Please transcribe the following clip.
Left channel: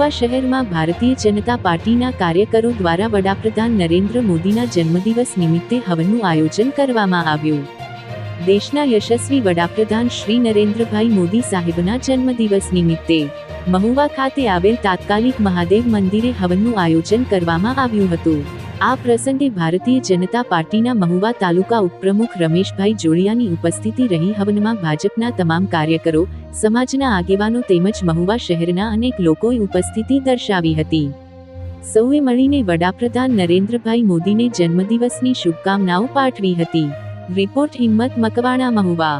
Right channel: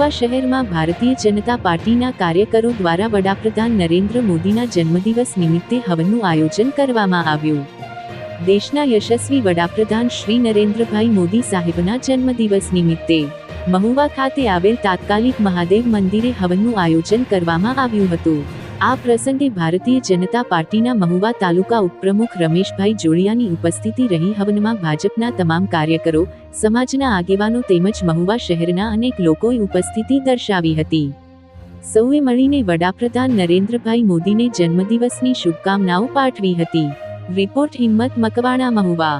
મહુવા શહેરમાં ભારતીય જનતા પાર્ટીના કાર્યકરો દ્વારા વડાપ્રધાન નરેન્દ્ર મોદીના જન્મદિવસ નિમિત્તે હવનનું આયોજન કરવામાં આવ્યું. દેશના યશસ્વી વડાપ્રધાન શ્રી નરેન્દ્રભાઈ મોદી સાહેબના જન્મદિવસ નિમિત્તે મહુવા ખાતે આવેલ તાત્કાલિક મહાદેવ મંદિરે હવનનું આયોજન કરવામાં આવ્યું હતું. આ પ્રસંગે ભારતીય જનતા પાર્ટીના મહુવા તાલુકા ઉપપ્રમુખ રમેશભાઈ જોડિયાની ઉપસ્થિતિ રહી. હવનમાં ભાજપના તમામ કાર્યકરો, સમાજના આગેવાનો તેમજ મહુવા શહેરના અનેક લોકોએ ઉપસ્થિતિ દર્શાવી હતી. સૌએ મળીને વડાપ્રધાન નરેન્દ્રભાઈ મોદીને જન્મદિવસની શુભકામનાઓ પાઠવી હતી. રિપોર્ટ હિંમત મકવાણા, મહુવા.